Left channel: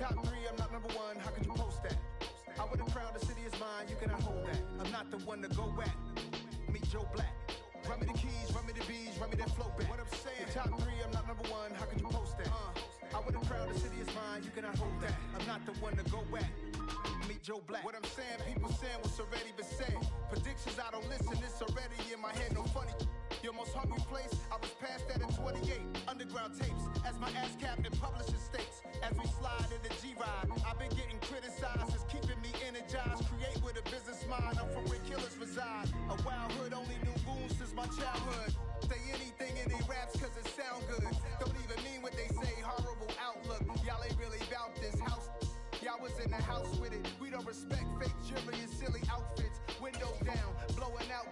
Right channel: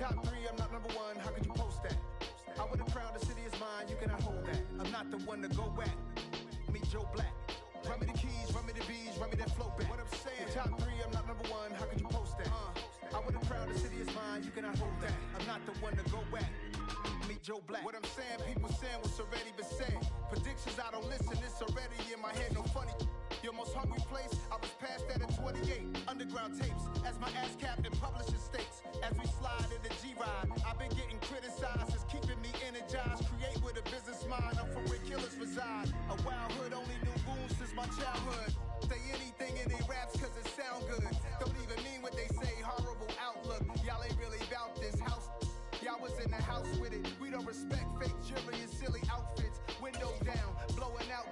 top three, I'm not number one. How could you post that? I would have crowned the city is mine. You cannot hold that. I'm not the one to go at. Meet Joe Black. Run me the keys, run me the bees, run me that flow back. What I'm saying, top three, I'm not number one. How could you post that? I would have crowned the city is mine. You cannot hold that. I'm not the one to go at. Meet Joe Black. What I'm saying, people saying what's already been said. Predictions, I don't listen. It's already in my head. No funny. Your most hungry place, I was past that in 28. Underground tapes, as my ass cap in publishing states. As we slide in the G-Ride, I've been getting criticized. It's keeping me energized. Create with a business mind. I'm from where killers reside. A wild hood, only knew goons since my childhood. Say anything in they raps cause it sound good. Don't even mean what they say, horrible outlook. Y'all ain't really about this house. Y'all was in the house with it. We don't respect fake jewelry and silly outfits. Window down, blowing out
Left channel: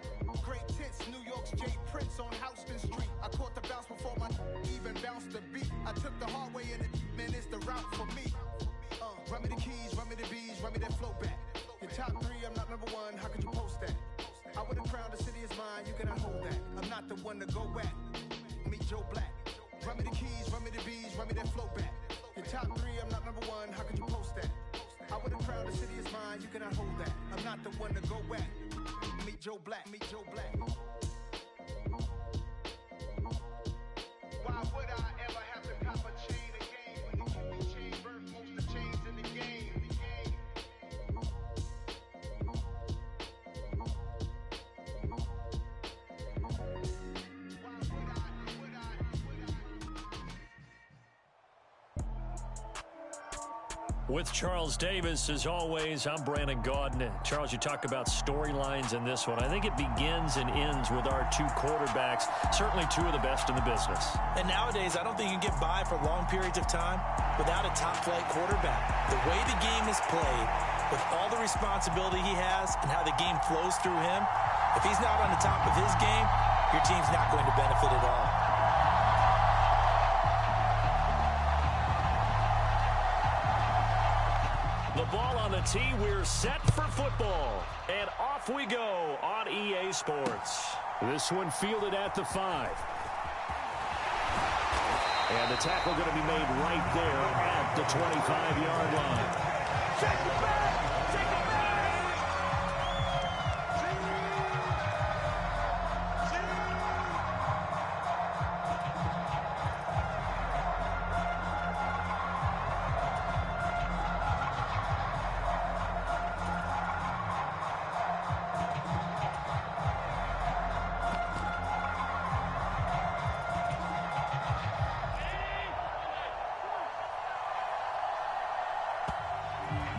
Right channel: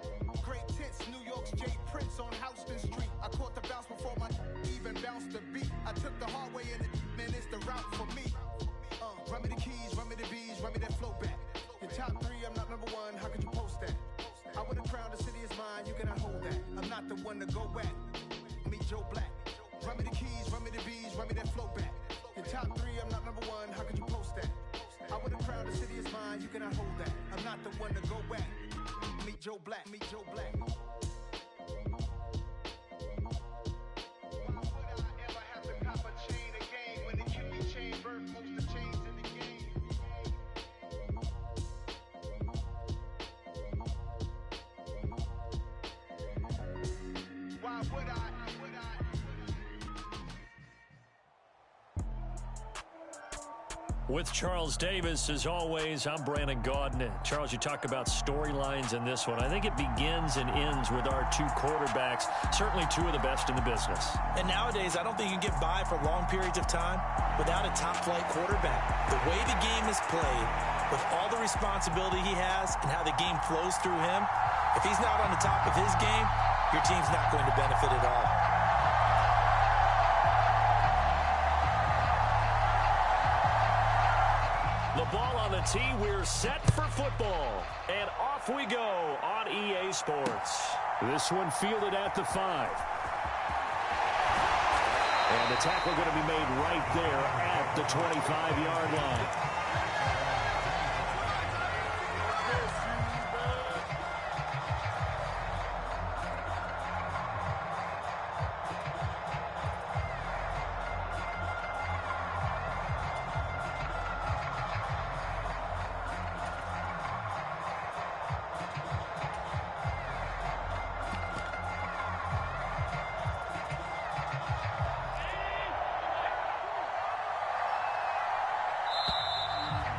great tits. New York's J. Prince on Houston Street. I caught the bounce before my even bounced the beat. I took the hard way in it, man, it's the route for me. Run me the keys, run me the bees, run me that flow back. Your top three, I'm not number one. How could you post that? I would have crowned the city is mine. You cannot hold that. I'm not the one to go at. Meet Joe Black. Run me the keys, run me the bees, run me that flow back. Your top three, I'm not number one. How could you post that? I would have crowned the city is mine. You cannot hold that. I'm not the one to go at. Meet Joe Black. Meet Joe Black. Why would I ever have to cop a chain again when it can be chain birth? Most of chains in the game. Why would I? With Charles Davis, as always, I'm Brandon Gaudin. Charles, you talk about storylines in this one. I think it begins and ends with our two quarterbacks, certainly two of the best in the business. And nowadays, I don't think you can get by for long periods of time without a top-flight quarterback. The way the game is played, with all the responsibility he has and how the game flows through him, if he's not on the top of his game, your team's not going to benefit at all. The ball on the tee, we're set for football. And off we go on EA Sports. This one fielded at the 5. And the tackle going to be made right there at the 25-yard line.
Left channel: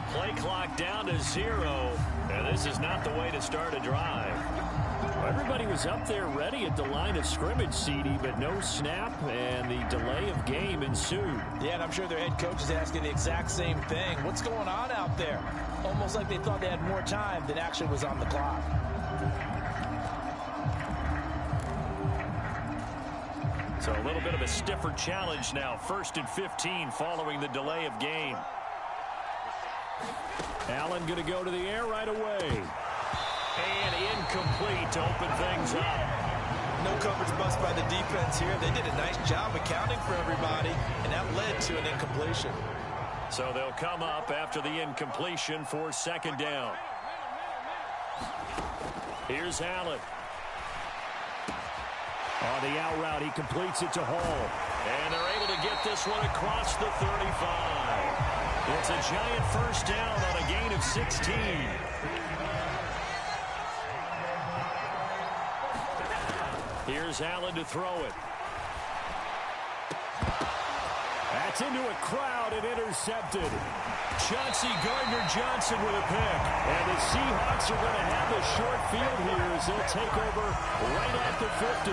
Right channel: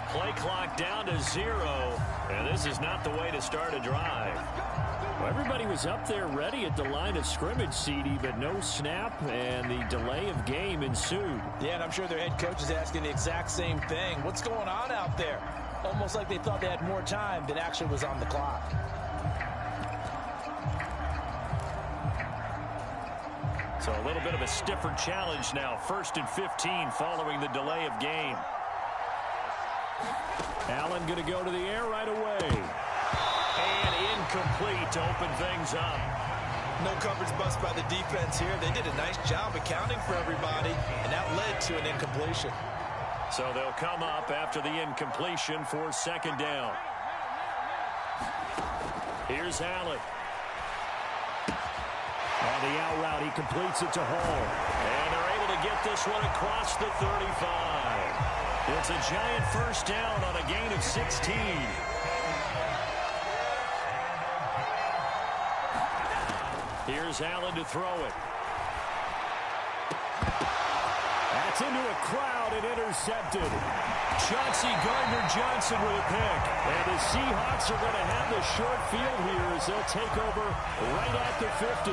Play clock down to 0, and this is not the way to start a drive. Well, everybody was up there ready at the line of scrimmage, CD, but no snap, and the delay of game ensued. Yeah, and I'm sure their head coach is asking the exact same thing. What's going on out there? Almost like they thought they had more time than actually was on the clock. So a little bit of a stiffer challenge now. 1st and 15 following the delay of game. Allen going to go to the air right away. And incomplete to open things up. No coverage bust by the defense here. They did a nice job accounting for everybody, and that led to an incompletion. So they'll come up after the incompletion for 2nd down. Here's Allen. On the out route, he completes it to Hall. And they're able to get this one across the 35. It's a giant 1st down on a gain of 16. Here's Allen to throw it. That's into a crowd and intercepted. Chauncey Gardner-Johnson with a pick. And the Seahawks are going to have the short field here as they'll take over right at the 50.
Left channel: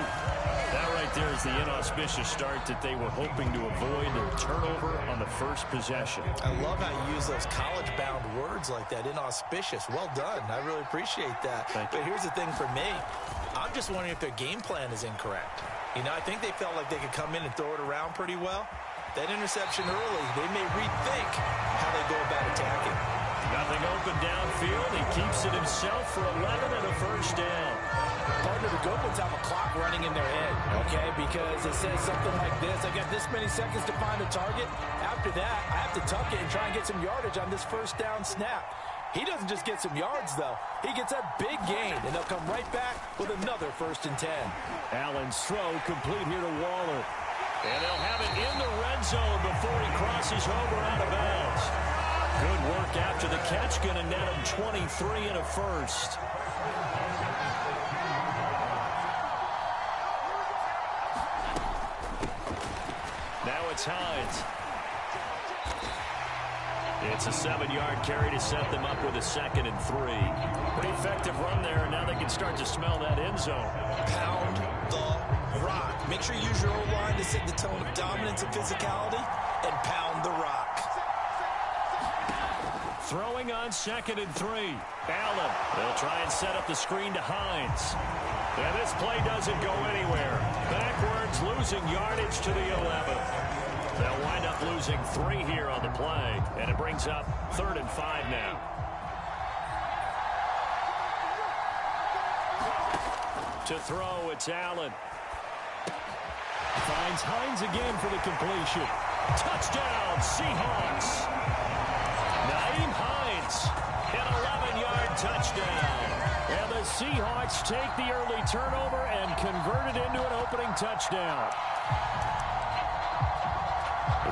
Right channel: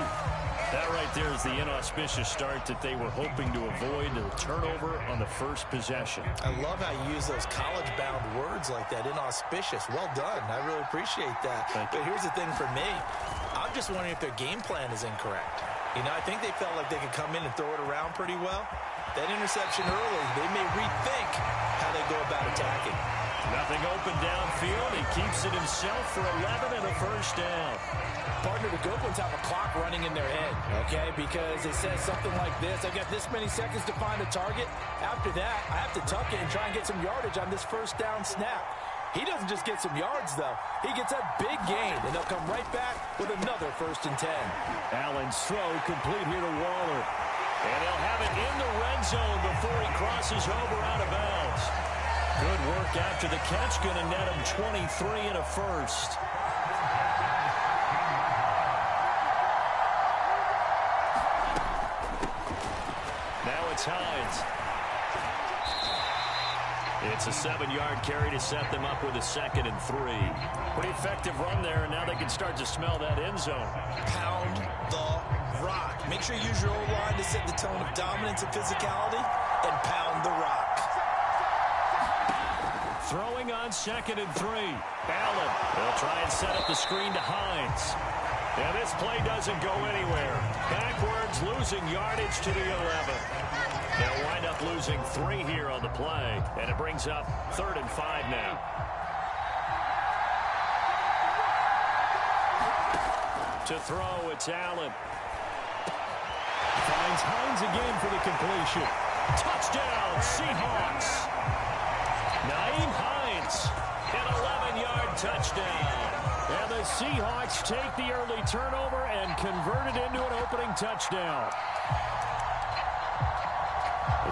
That right there is the inauspicious start that they were hoping to avoid, a turnover on the first possession. I love how you use those college-bound words like that, inauspicious. Well done. I really appreciate that. But here's the thing for me. I'm just wondering if their game plan is incorrect. You know, I think they felt like they could come in and throw it around pretty well. That interception early, they may rethink how they go about attacking. Nothing open downfield. He keeps it himself for 11 and a first down. Partner, the good ones have a clock running in their head, okay? Because it says something like this. I've got this many seconds to find a target. After that, I have to tuck it and try and get some yardage on this first down snap. He doesn't just get some yards, though. He gets a big gain, and they'll come right back with another 1st and 10. Allen's throw complete here to Waller. And they'll have it in the red zone before he crosses over out of bounds. Good work after the catch. Going to net him 23 and a first. Now it's Hines. It's a 7-yard carry to set them up with a 2nd and 3. Pretty effective run there, and now they can start to smell that end zone. Pound the rock. Make sure you use your O-line to set the tone of dominance and physicality, and pound the rock. Throwing on 2nd and 3. Allen. They'll try and set up the screen to Hines. And this play doesn't go anywhere. Backwards, losing yardage to the 11. They'll wind up losing 3 here on the play, and it brings up 3rd and 5 now. To throw, it's Allen. Finds Hines again for the completion. Touchdown, Seahawks. Nyheim Hines, an 11-yard touchdown. And the Seahawks take the early turnover and convert it into an opening touchdown.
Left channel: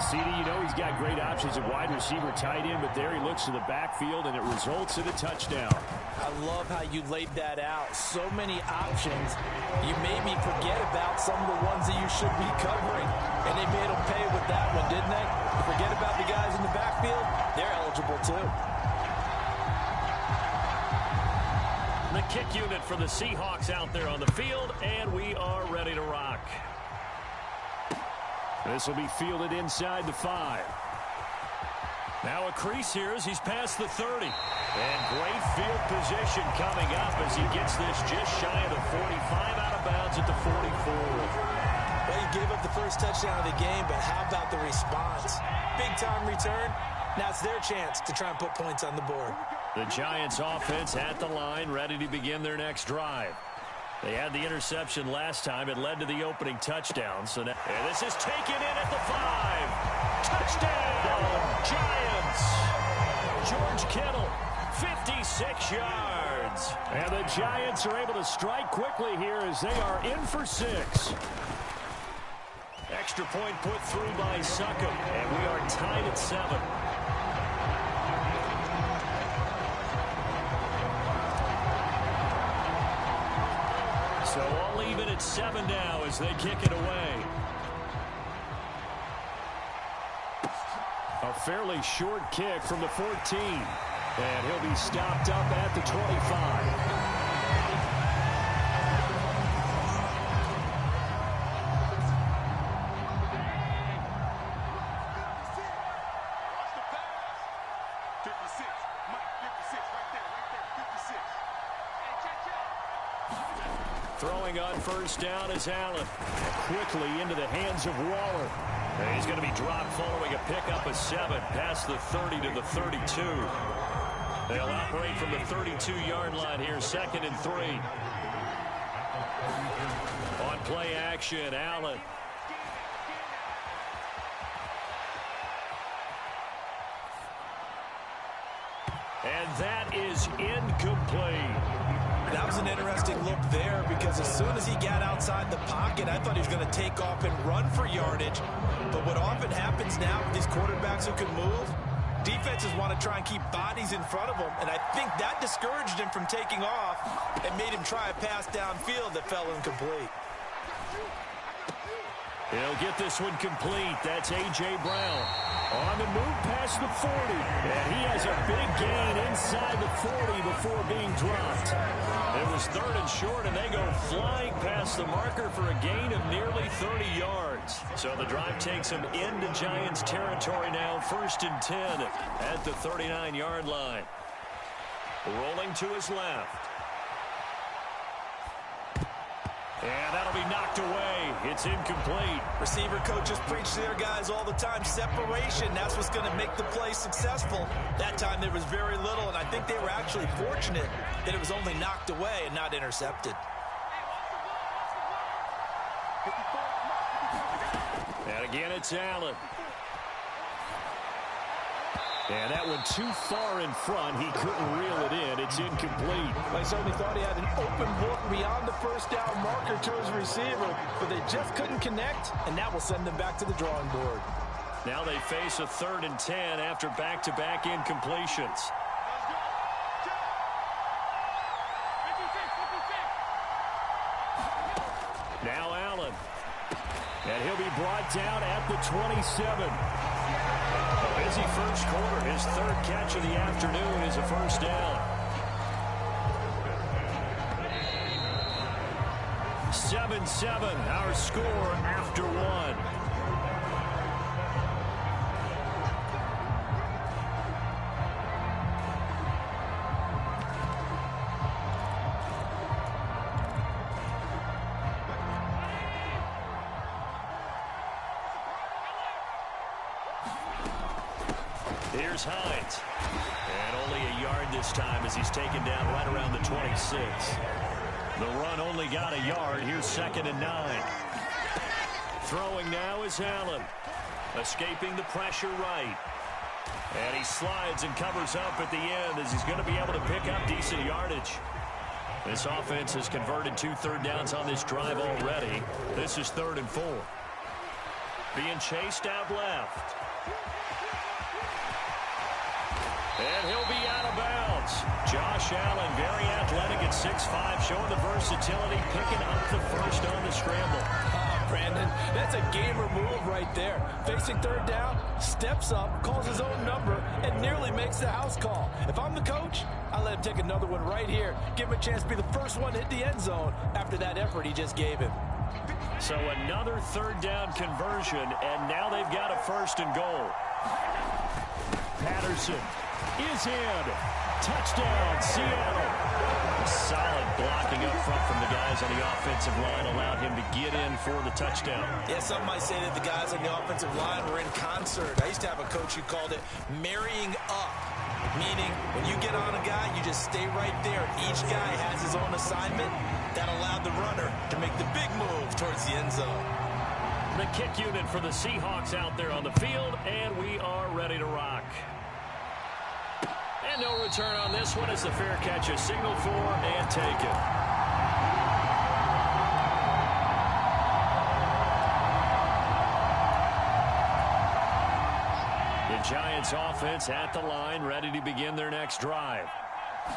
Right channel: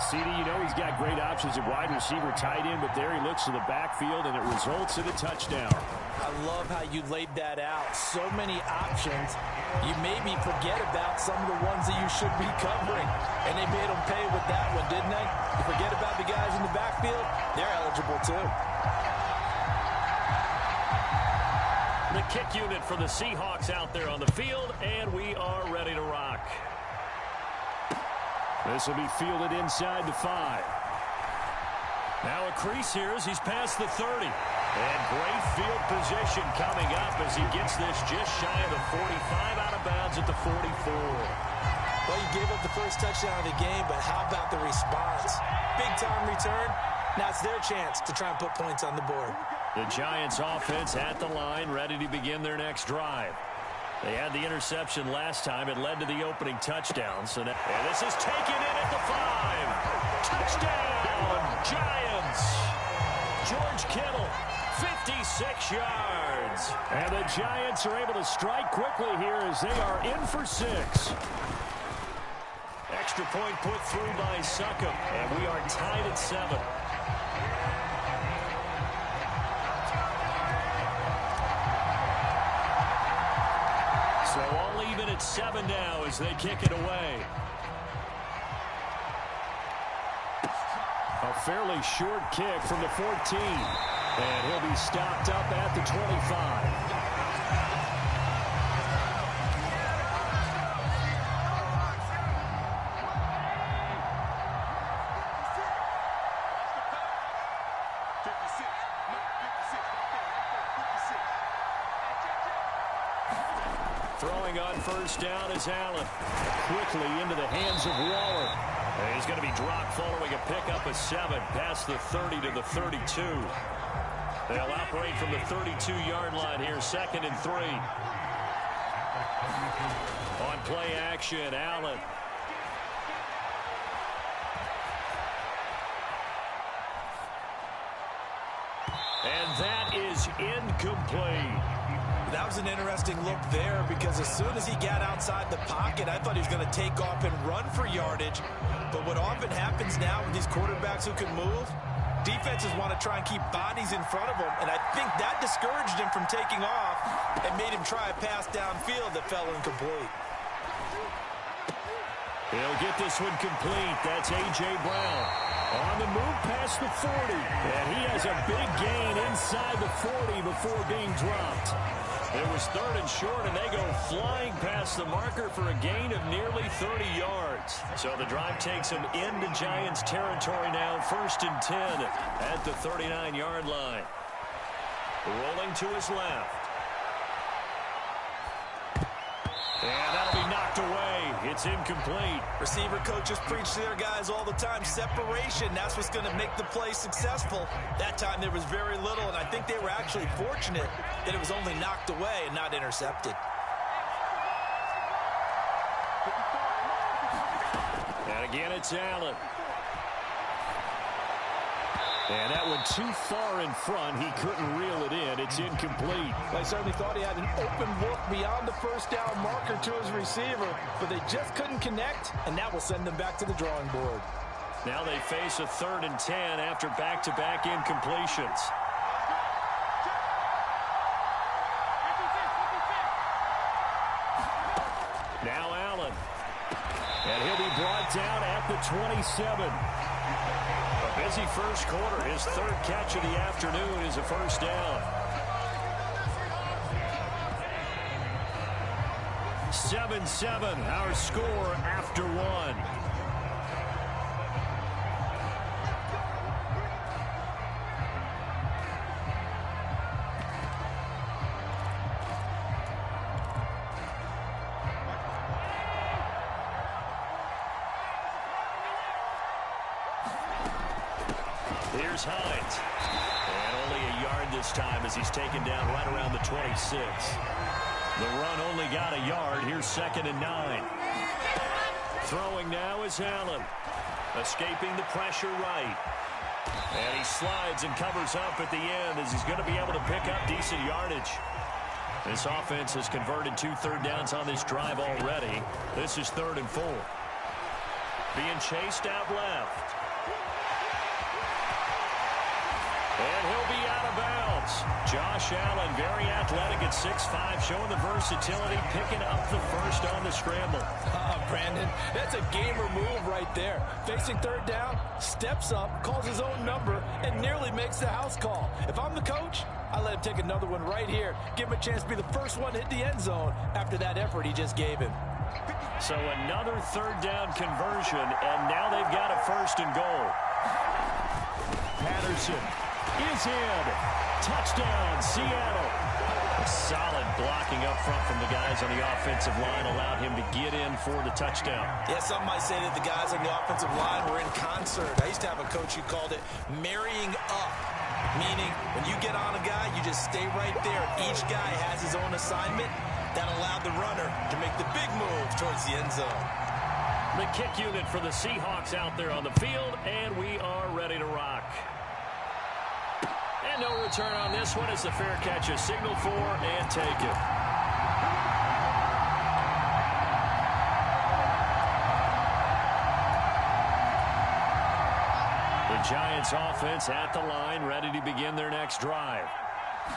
CD, you know he's got great options at wide receiver, tight end, but there he looks to the backfield, and it results in a touchdown. I love how you laid that out. So many options. You made me forget about some of the ones that you should be covering. And they made them pay with that one, didn't they? You forget about the guys in the backfield, they're eligible too. The kick unit for the Seahawks out there on the field, and we are ready to rock. This will be fielded inside the 5. Now a crease here as he's past the 30. And great field position coming up as he gets this just shy of the 45, out of bounds at the 44. Well, you gave up the first touchdown of the game, but how about the response? Big-time return. Now it's their chance to try and put points on the board. The Giants offense at the line, ready to begin their next drive. They had the interception last time. It led to the opening touchdown. So now, and this is taken in at the 5. Touchdown, Giants. George Kittle, 56 yards. And the Giants are able to strike quickly here as they are in for 6. Extra point put through by Succop. And we are tied at 7. So all even at 7 now as they kick it away. A fairly short kick from the 14. And he'll be stopped up at the 25. Throwing on first down is Allen. Quickly into the hands of Waller. And he's going to be dropped following a pickup of 7 past the 30 to the 32. They'll operate from the 32-yard line here, 2nd and 3. On play action, Allen. And that is incomplete. That was an interesting look there because as soon as he got outside the pocket, I thought he was going to take off and run for yardage. But what often happens now with these quarterbacks who can move, defenses want to try and keep bodies in front of them, and I think that discouraged him from taking off and made him try a pass downfield that fell incomplete. He'll get this one complete. That's A.J. Brown. On the move past the 40. And he has a big gain inside the 40 before being dropped. It was 3rd and short, and they go flying past the marker for a gain of nearly 30 yards. So the drive takes them into Giants territory now, 1st and 10 at the 39-yard line. Rolling to his left. And that'll be knocked away It's incomplete. Receiver coaches preach to their guys all the time. Separation, that's what's going to make the play successful. That time there was very little, and I think they were actually fortunate that it was only knocked away and not intercepted. And again, it's Allen. And that one too far in front. He couldn't reel it in. It's incomplete. I certainly thought he had an open look beyond the first down marker to his receiver, but they just couldn't connect, and that will send them back to the drawing board. Now they face a 3rd and 10 after back-to-back incompletions. Now Allen. And he'll be brought down at the 27. A busy first quarter. His 3rd catch of the afternoon is a first down. 7-7, our score after 1. Here's Hines. And only a yard this time as he's taken down right around the 26. The run only got a yard. Here's 2nd and 9. Throwing now is Allen. Escaping the pressure right. And he slides and covers up at the end as he's going to be able to pick up decent yardage. This offense has converted 2 third downs on this drive already. This is 3rd and 4. Being chased out left. And he'll be out of bounds. Josh Allen, very athletic at 6'5", showing the versatility, picking up the first on the scramble. Brandon, that's a gamer move right there. Facing 3rd down, steps up, calls his own number, and nearly makes the house call. If I'm the coach, I let him take another one right here. Give him a chance to be the first one to hit the end zone after that effort he just gave him. So another 3rd down conversion, and now they've got a 1st and goal. Patterson is in. Touchdown, Seattle. A solid blocking up front from the guys on the offensive line allowed him to get in for the touchdown. Yeah, some might say that the guys on the offensive line were in concert. I used to have a coach who called it marrying up, meaning when you get on a guy, you just stay right there. Each guy has his own assignment. That allowed the runner to make the big move towards the end zone. The kick unit for the Seahawks out there on the field, and we are ready to rock. And no return on this one as the fair catch is signaled for and taken. The Giants offense at the line, ready to begin their next drive.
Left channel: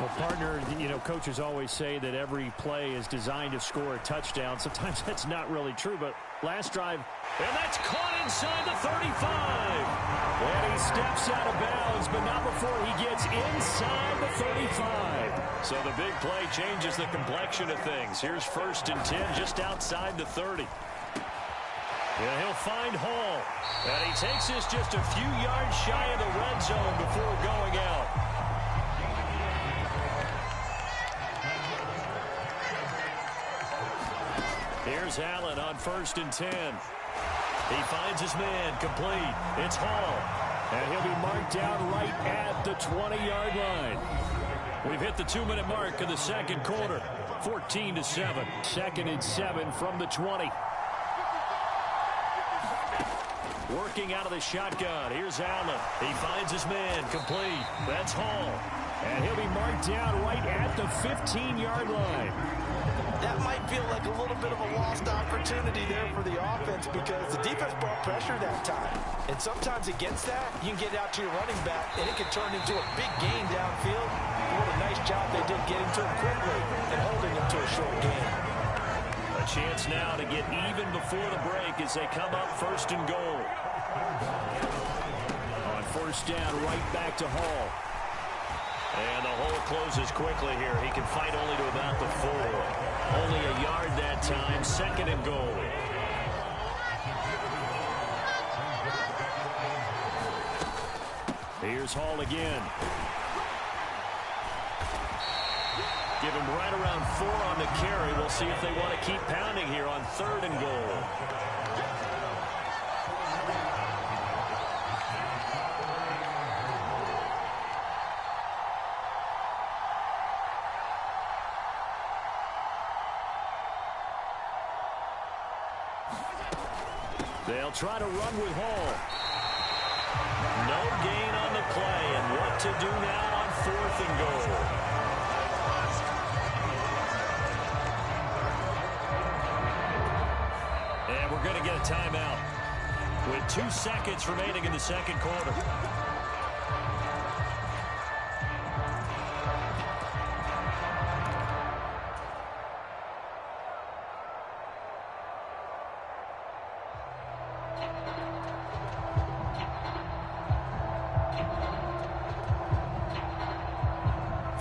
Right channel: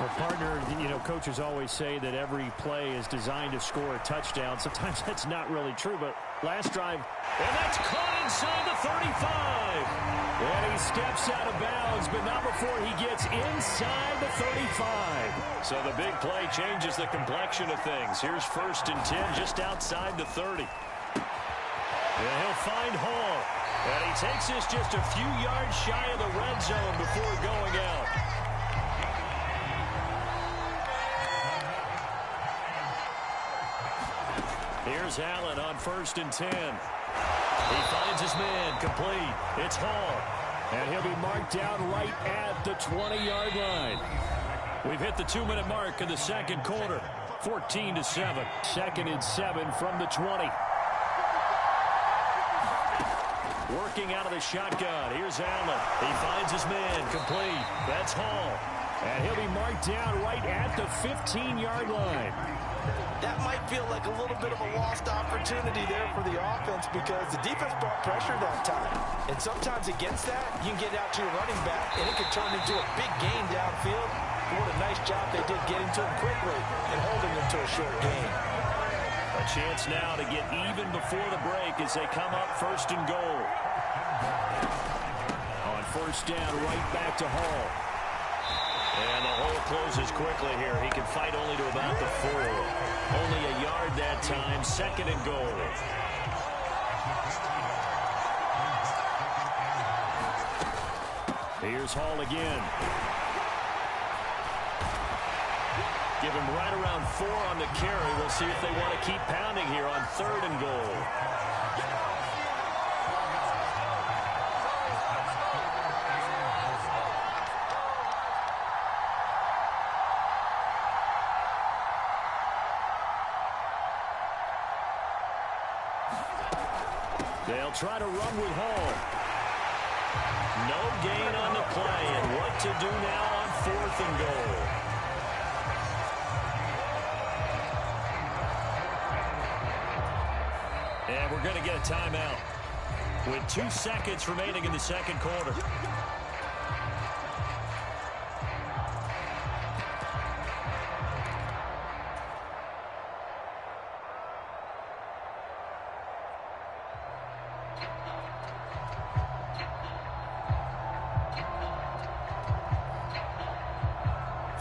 Well, partner, you know, coaches always say that every play is designed to score a touchdown. Sometimes that's not really true, but last drive. And that's caught inside the 35. And he steps out of bounds, but not before he gets inside the 35. So the big play changes the complexion of things. Here's 1st and 10 just outside the 30. And he'll find Hall. And he takes this just a few yards shy of the red zone before going out. Here's Allen on 1st and 10. He finds his man, complete. It's Hall. And he'll be marked down right at the 20-yard line. We've hit the 2-minute mark of the 2nd quarter. 14-7. 2nd and 7 from the 20. Working out of the shotgun. Here's Allen. He finds his man, complete. That's Hall. And he'll be marked down right at the 15-yard line. That might feel like a little bit of a lost opportunity there for the offense because the defense brought pressure that time. And sometimes against that, you can get out to your running back, and it can turn into a big gain downfield. What a nice job they did getting to him quickly and holding him to a short gain. A chance now to get even before the break as they come up 1st and goal. On 1st down, right back to Hall. And the hole closes quickly here. He can fight only to about the 4. Only a yard that time. 2nd and goal. Here's Hall again. Give him right around 4 on the carry. We'll see if they want to keep pounding here on 3rd and goal. They'll try to run with Hall. No gain on the play, and what to do now on 4th and goal. And we're going to get a timeout with 2 seconds remaining in the second quarter.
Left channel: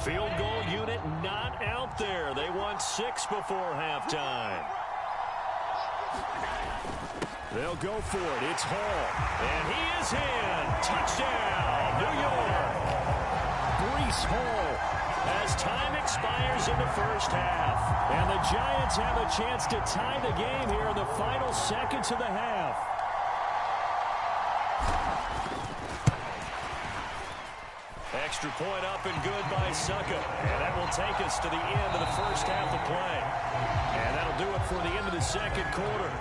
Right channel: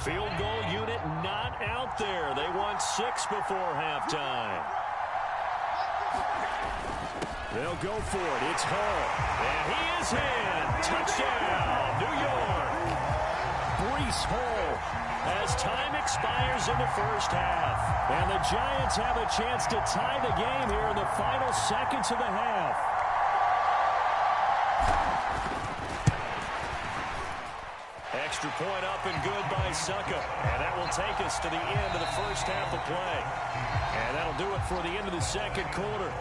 Field goal unit not out there. They want 6 before halftime. They'll go for it. It's Hall. And he is in. Touchdown, New York. Breece Hall as time expires in the first half. And the Giants have a chance to tie the game here in the final seconds of the half. Extra point up and good by Succa. And that will take us to the end of the first half of play. And that'll do it for the end of the second quarter.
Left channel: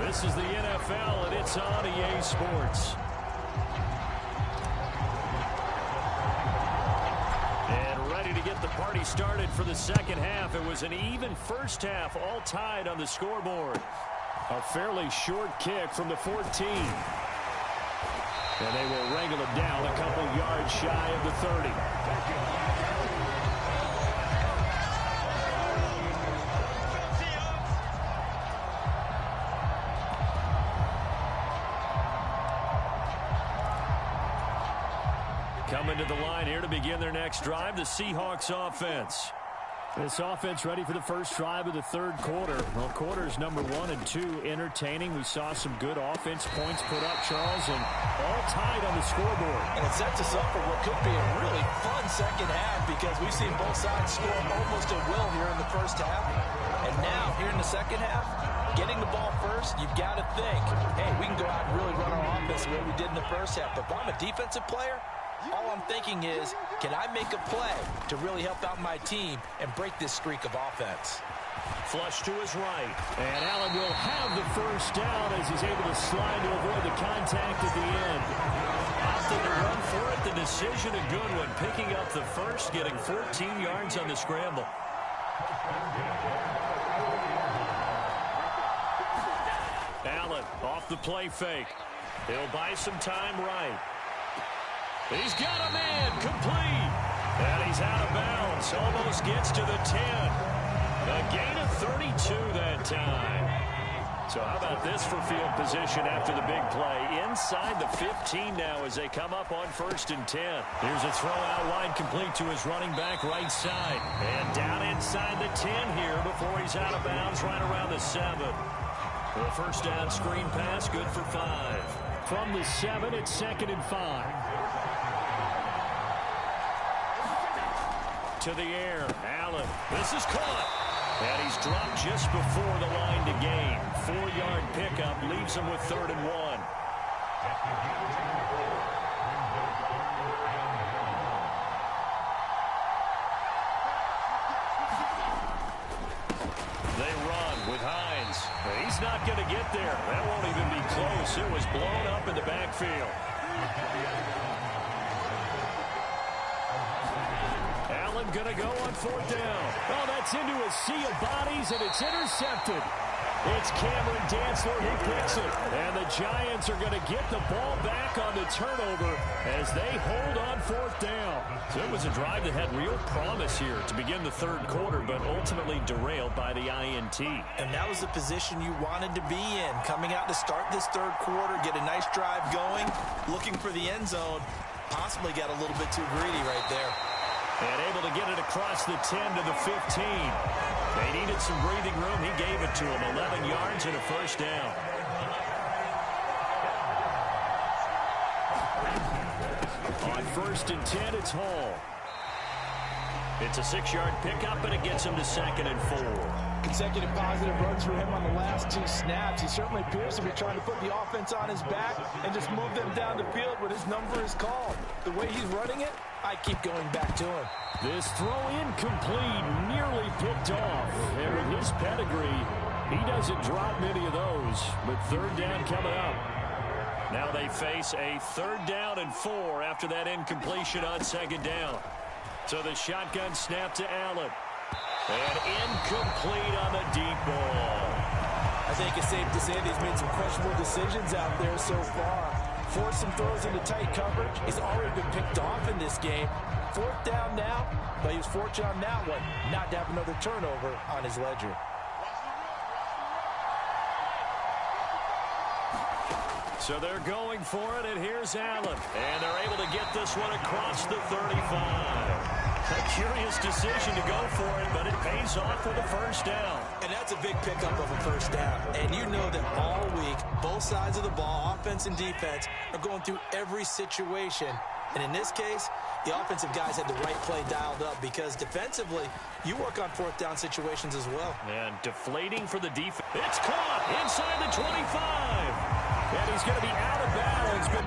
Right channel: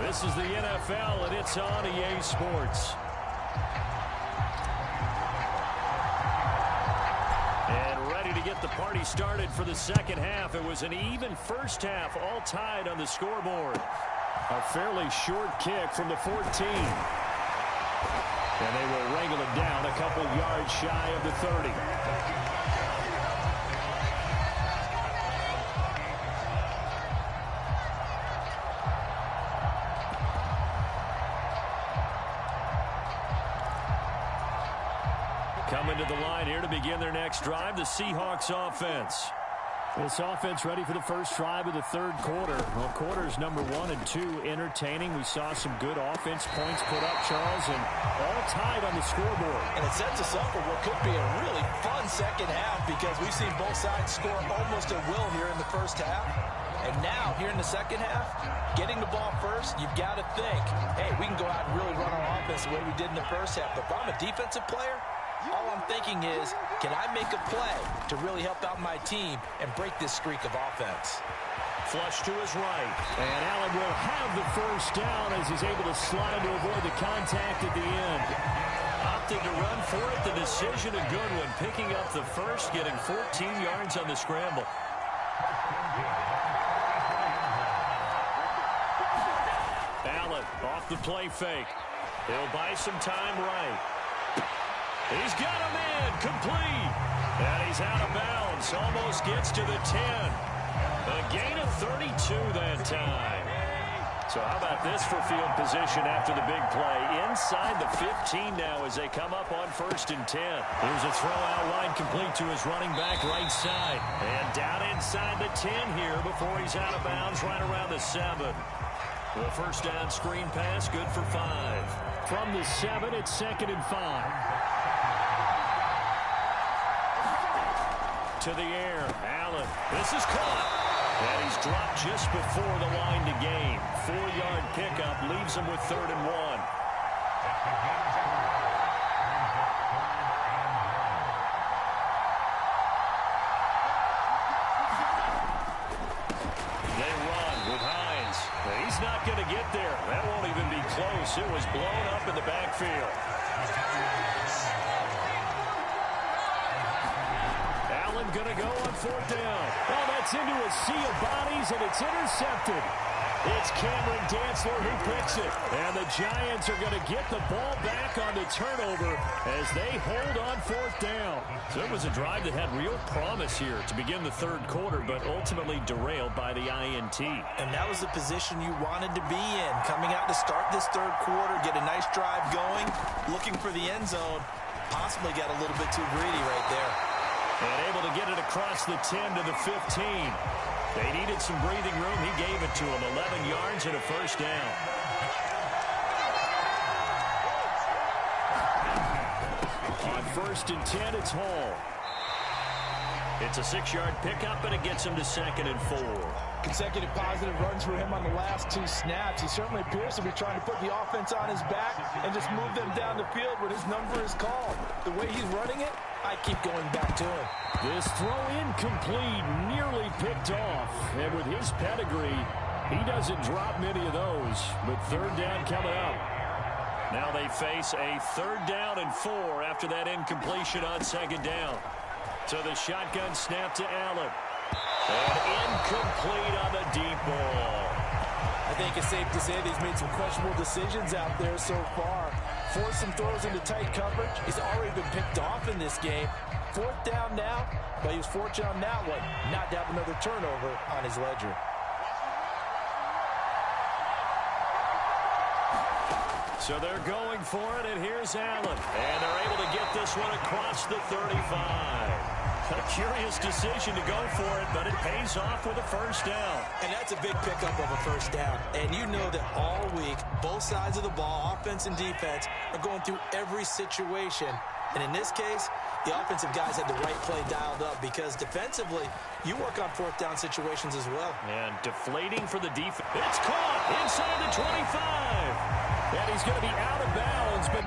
This is the NFL, and it's on EA Sports. And ready to get the party started for the second half. It was an even first half, all tied on the scoreboard. A fairly short kick from the 14. And they will wrangle it down a couple yards shy of the 30. Coming to the line here to begin their next drive, the Seahawks offense. This offense ready for the first drive of the third quarter. Well, quarters number 1 and 2 entertaining. We saw some good offense points put up, Charles, and all tied on the scoreboard. And it sets us up for what could be a really fun second half because we've seen both sides score almost at will here in the first half. And now, here in the second half, getting the ball first, you've got to think, hey, we can go out and really run our offense the way we did in the first half. But if I'm a defensive player, all I'm thinking is, can I make a play to really help out my team and break this streak of offense? Flush to his right. And Allen will have the first down as he's able to slide to avoid the contact at the end. Opted to run for it. The decision a good one. Picking up the first, getting 14 yards on the scramble. Allen off the play fake. He'll buy some time right. He's got a man complete. And he's out of bounds. Almost gets to the 10. A gain of 32 that time. So how about this for field position after the big play? Inside the 15 now as they come up on 1st and 10. Here's a throw out wide complete to his running back right side. And down inside the 10 here before he's out of bounds right around the 7. The first down screen pass, good for 5. From the 7, it's 2nd and 5. To the air, Allen. This is caught. And he's dropped just before the line to gain. 4-yard pickup leaves him with 3rd and 1. They run with Hines. And he's not going to get there. That won't even be close. It was blown up in the backfield. Allen going to go on 4th down. Oh, that's into a sea of bodies, and it's intercepted. It's Cameron Dantzler who picks it. And the Giants are going to get the ball back on the turnover as they hold on 4th down. So it was a drive that had real promise here to begin the third quarter, but ultimately derailed by the INT. And that was the position you wanted to be in. Coming out to start this third quarter, get a nice drive going, looking for the end zone. Possibly got a little bit too greedy right there. And able to get it across the 10 to the 15. They needed some breathing room. He gave it to them. 11 yards and a first down. On 1st and 10, it's Hall. It's a 6-yard pickup, and it gets him to 2nd and 4. Consecutive positive runs for him on the last 2 snaps. He certainly appears to be trying to put the offense on his back and just move them down the field when his number is called. The way he's running it, I keep going back to him. This throw incomplete, nearly picked off. And with his pedigree, he doesn't drop many of those. But 3rd down coming up. Now they face a 3rd down and 4 after that incompletion on 2nd down. So the shotgun snap to Allen. And incomplete on the deep ball. I think it's safe to say that he's made some questionable decisions out there so far. Forced some throws into tight coverage. He's already been picked off in this game. 4th down now, but he was fortunate on that one not to have another turnover on his ledger. So they're going for it, and here's Allen. And they're able to get this one across the 35. A curious decision to go for it, but it pays off with a 1st down. And that's a big pickup of a 1st down. And you know that all week, both sides of the ball, offense and defense, are going through every situation. And in this case, the offensive guys had the right play dialed up because defensively, you work on 4th down situations as well. And deflating for the defense. It's caught inside the 25. And he's going to be out of bounds, but...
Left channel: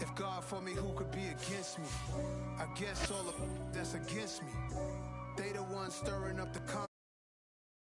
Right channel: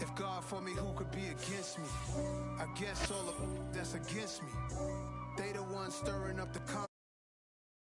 If God for me, who could be against me? I guess all of that's against me. They the ones stirring up the